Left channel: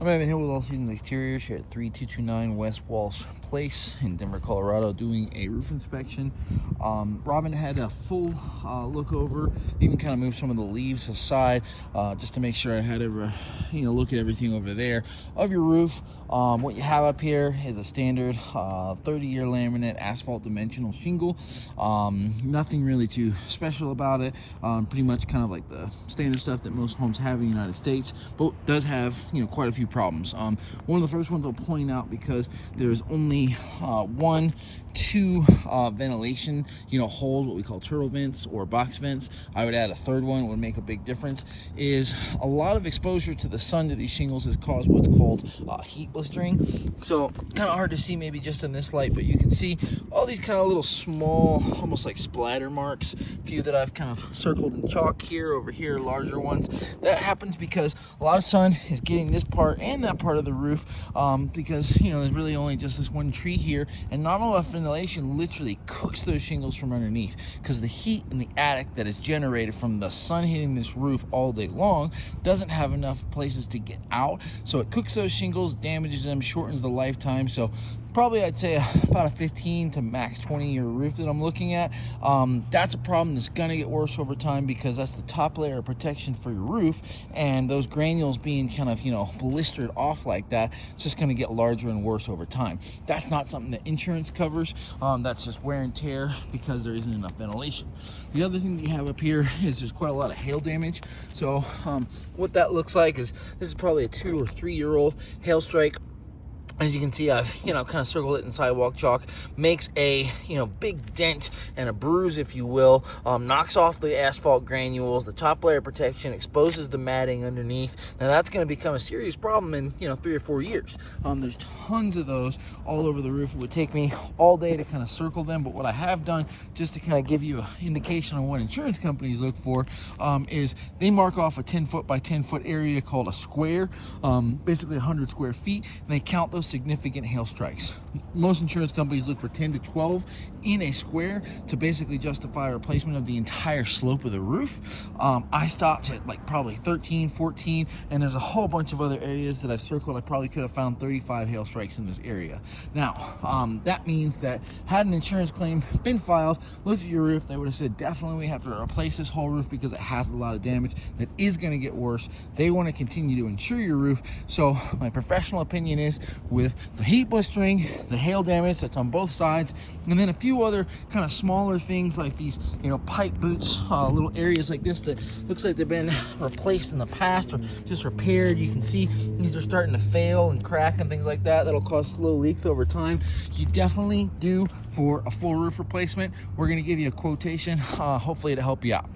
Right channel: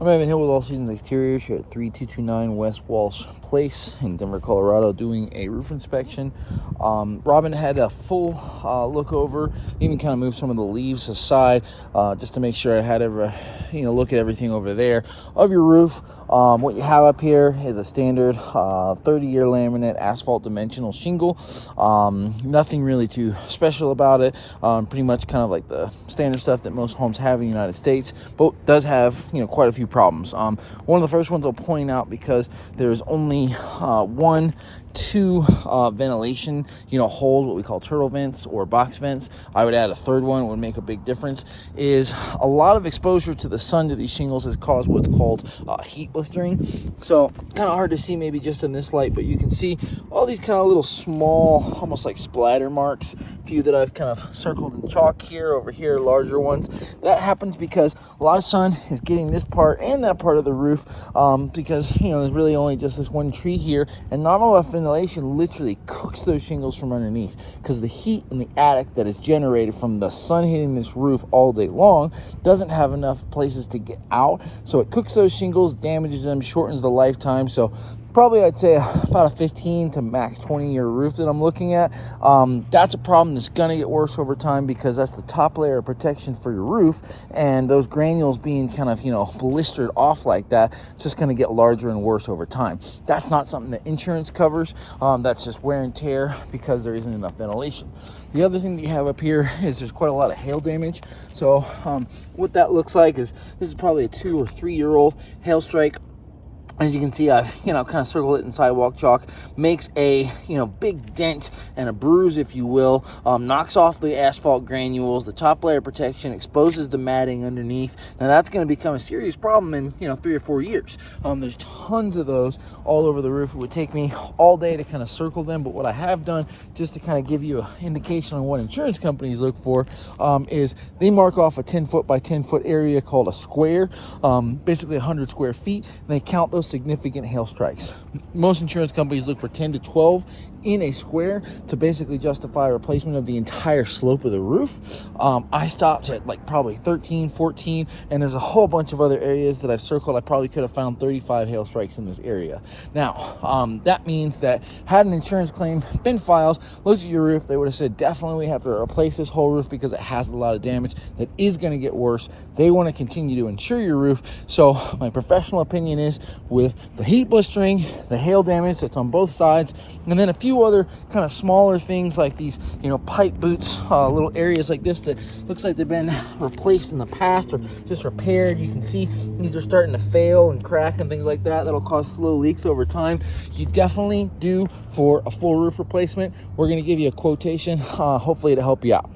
I'm Evan Hill with All Seasons Exteriors here at 3229 West Walsh Place in Denver, Colorado, doing a roof inspection. Robin had a full look over, even kind of moved some of the leaves aside just to make sure I had look at everything over there of your roof. What you have up here is a standard 30-year laminate asphalt dimensional shingle. Nothing really too special about it. Pretty much kind of like the standard stuff that most homes have in the United States, but does have quite a few problems. One of the first ones I'll point out, because there's only two ventilation holes, what we call turtle vents or box vents. I would add a third one. It would make a big difference. Is a lot of exposure to the sun to these shingles has caused what's called heat blistering. So kind of hard to see maybe just in this light, but you can see all these kind of little small, almost like splatter marks. A few that I've kind of circled in chalk here, over here, larger ones. That happens because a lot of sun is getting this part and that part of the roof, because there's really only just this one tree here, and not enough ventilation literally cooks those shingles from underneath, because the heat in the attic that is generated from the sun hitting this roof all day long doesn't have enough places to get out, so it cooks those shingles, damages them, shortens the lifetime. So probably I'd say about a 15 to max 20-year roof that I'm looking at. That's a problem that's gonna get worse over time, because that's the top layer of protection for your roof, and those granules being kind of blistered off like that, it's just gonna get larger and worse over time. That's not something that insurance covers. That's just wear and tear because there isn't enough ventilation. The other thing that you have up here is there's quite a lot of hail damage. So what that looks like is, this is probably a 2 or 3 year old hail strike. As you can see, I've kind of circled it in sidewalk chalk. Makes a big dent and a bruise, if you will. Knocks off the asphalt granules, the top layer protection, exposes the matting underneath. Now that's going to become a serious problem in 3 or 4 years. There's tons of those all over the roof. It would take me all day to kind of circle them, but what I have done, just to kind of give you an indication on what insurance companies look for, is they mark off a 10-foot by 10-foot area called a square, basically 100 square feet, and they count those significant hail strikes. Most insurance companies look for 10 to 12 in a square to basically justify a replacement of the entire slope of the roof. I stopped at like probably 13, 14, and there's a whole bunch of other areas that I've circled. I probably could have found 35 hail strikes in this area. Now, that means that had an insurance claim been filed, looked at your roof, they would have said, definitely we have to replace this whole roof because it has a lot of damage that is going to get worse. They want to continue to insure your roof. So my professional opinion is, with the heat blistering, the hail damage that's on both sides, and then a few other kind of smaller things like these pipe boots, little areas like this that looks like they've been replaced in the past or just repaired. You can see these are starting to fail and crack and things like that. That'll cause slow leaks over time. You definitely do for a full roof replacement. We're going to give you a quotation, hopefully to help you out.